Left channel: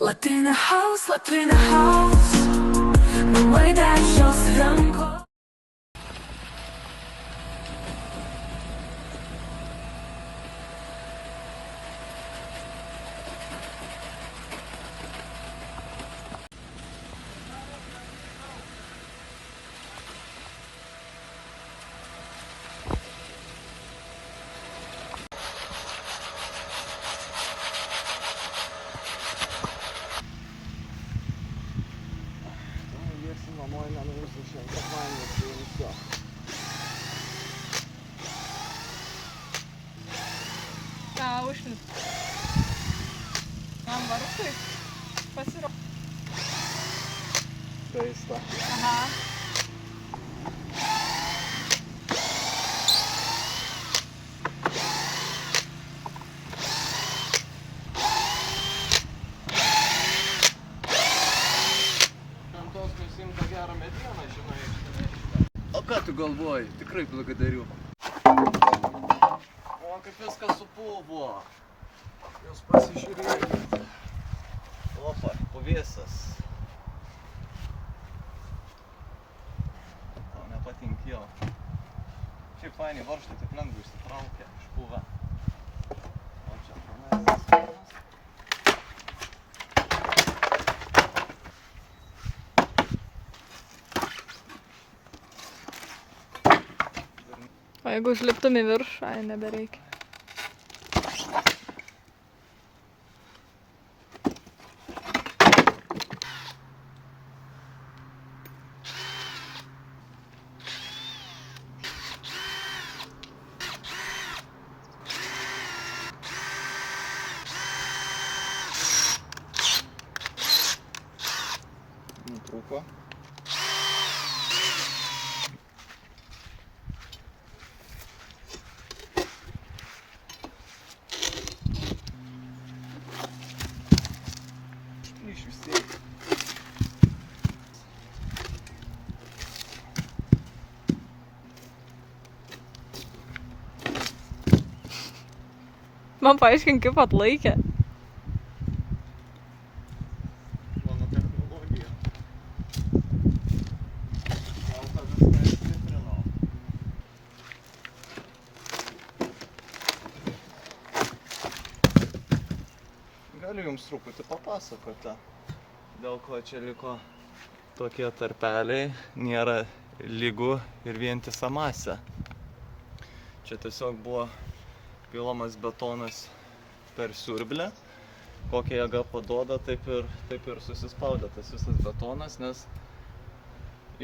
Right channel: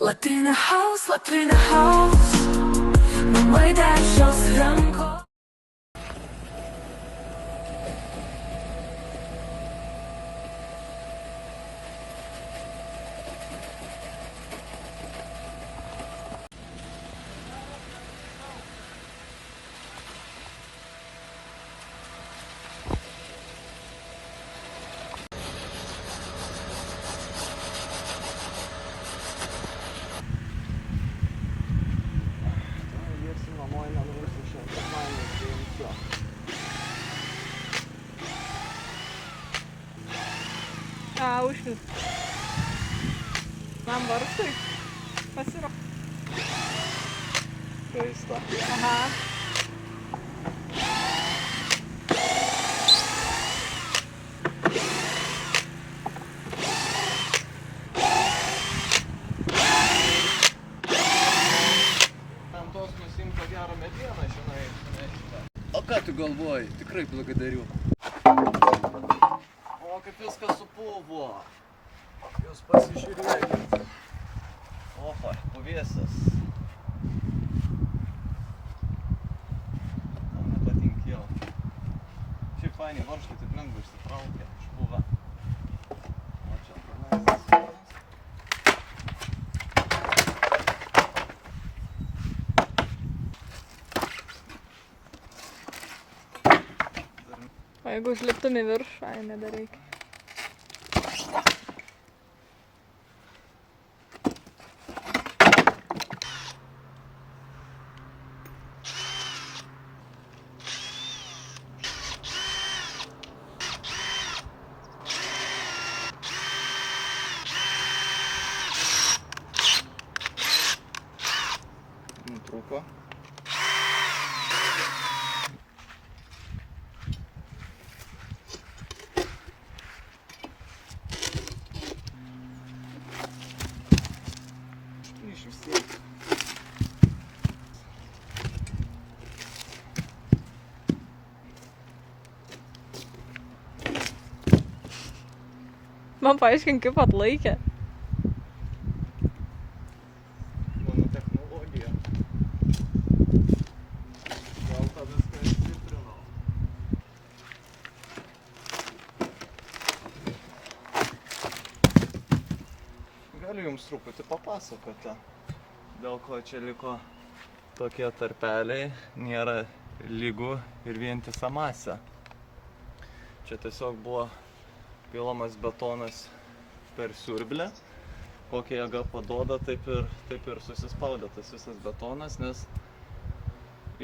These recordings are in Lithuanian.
Latrina house, namai dešios rankos. Namo nenuimsim šiandien, kad man nepriimsiu. Užliut. Jam varstui. Pasira. Keista. Tos nusimt tą gerą medieną, žinai. O ką tu galvoji? Tikrai blagadariu. O kaip viskas supuvo. Jūs pasižiūrėkit. Opa, puvėsas. Tau nepatinkėjo. Šiaip fainiai varžtai taip lengvai išsitraukia, išpuvę. O čia pranastas. O jeigu užliptum į viršų, ai nebereikia. Nutrūko. Man paaiškink, kaip atlaikė. Mano technologija. Gal tą viską išstiprinau. Galiu jums truputį papasakoti, dėl ko čia liko tokie tarpeliai, nėra lygų ir vientisa masė. Čia tiesiog buvo pilamas betonas per siurblę, kokią jėgą paduoda, taip ir susispaudė tas visas betonas, nes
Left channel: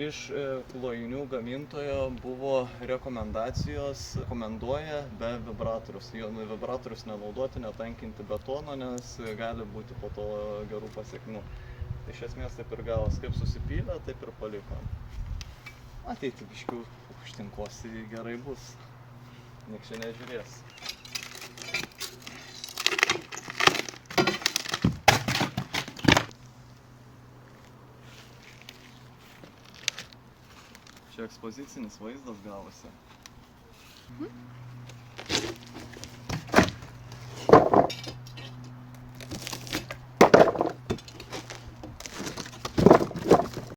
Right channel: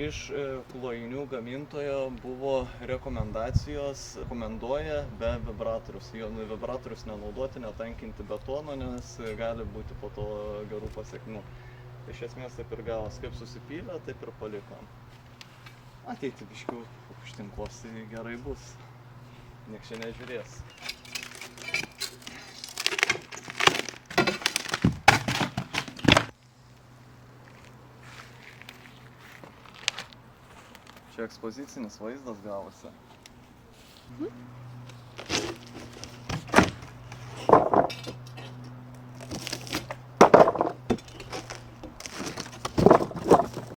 iš klojinių gamintojo buvo rekomendacijos, rekomenduoja be vibratorius. Jo vibratorius nenaudoti, netankinti betono, nes gali būti po to gerų pasekmių. Iš esmės taip ir gavos, kaip susipylė, taip ir paliko. Ateiti biškių užtinkuos, tai gerai bus. Nieks čia nežiūrės. Čia ekspozicinis vaizdas gavosi.